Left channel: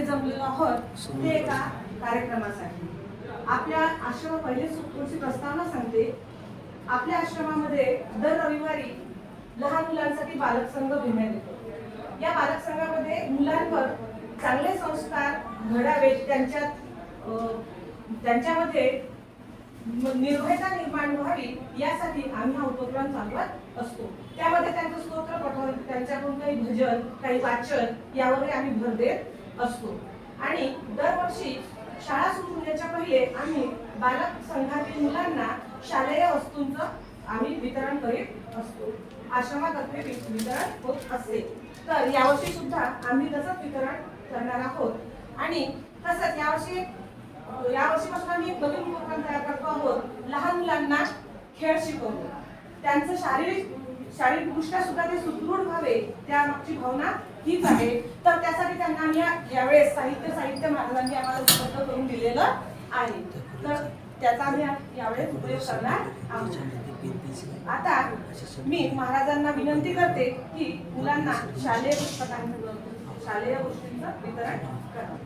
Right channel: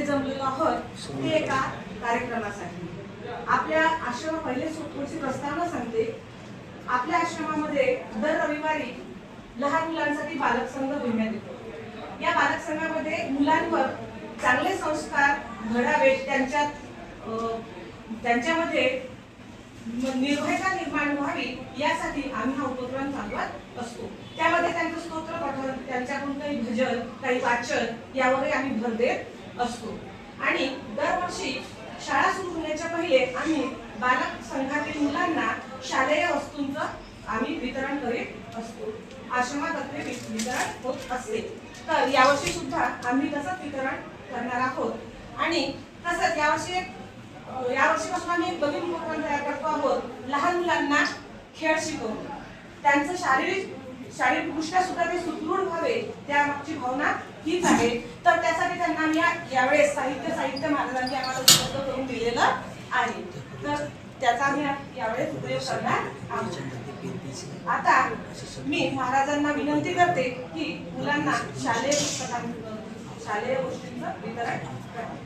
इथे जमलेलो आहोत ते एका कार्यक्रमासाठी. आपल्या आश्रम पहिले थोडीशी प्रस्तावना सांगते. आपल्या आश्रमामध्ये दर रविवारी लहान मुलांसाठी बालक संघ घेण्यात येतो. या बालक संघामध्ये मुलांवर चांगले संस्कार घडावेत, त्यांच्यामध्ये निर्भयता निर्माण व्हावी यासाठी आम्ही हा उपक्रम चालवत असतो. त्यामध्ये त्यांचं स्तोत्र पठण, त्यांच्याकडून काही भजन, काही वाचन यावरही आम्ही भर देत असतो. आणि दरवर्षी शाळा सुरू होण्याच्या पहिले आम्ही बालक संघातील मुलांना शालेय वस्तूंचं आम्ही वितरण करीत असतो. आश्रमातर्फे वितरण होत असते. तर यावर्षी सुद्धा आम्ही तसंच वितरण करणार आहोत. आणि तसंच यावर्षीपासून आम्ही एक नवीन उपक्रम तयार करतो आहोत. लहान मुलांना खेळ शिकवतो. त्यांचं शारीरिक दृष्ट्या सुद्धा ते सुदृढ व्हावे त्यामागची भावना हीच आहे. तर त्यासाठी त्यांना आम्ही यावेळेस साहित्य महाराजांनी आम्हाला उपलब्ध करून दिलेलं आहे. तर त्याचा आम्ही यावेळेस उपयोग करणार आहोत. आता मी महाराजांना विनंती करते की मुलांना शालेय गोष्टींचं वितरण करावं.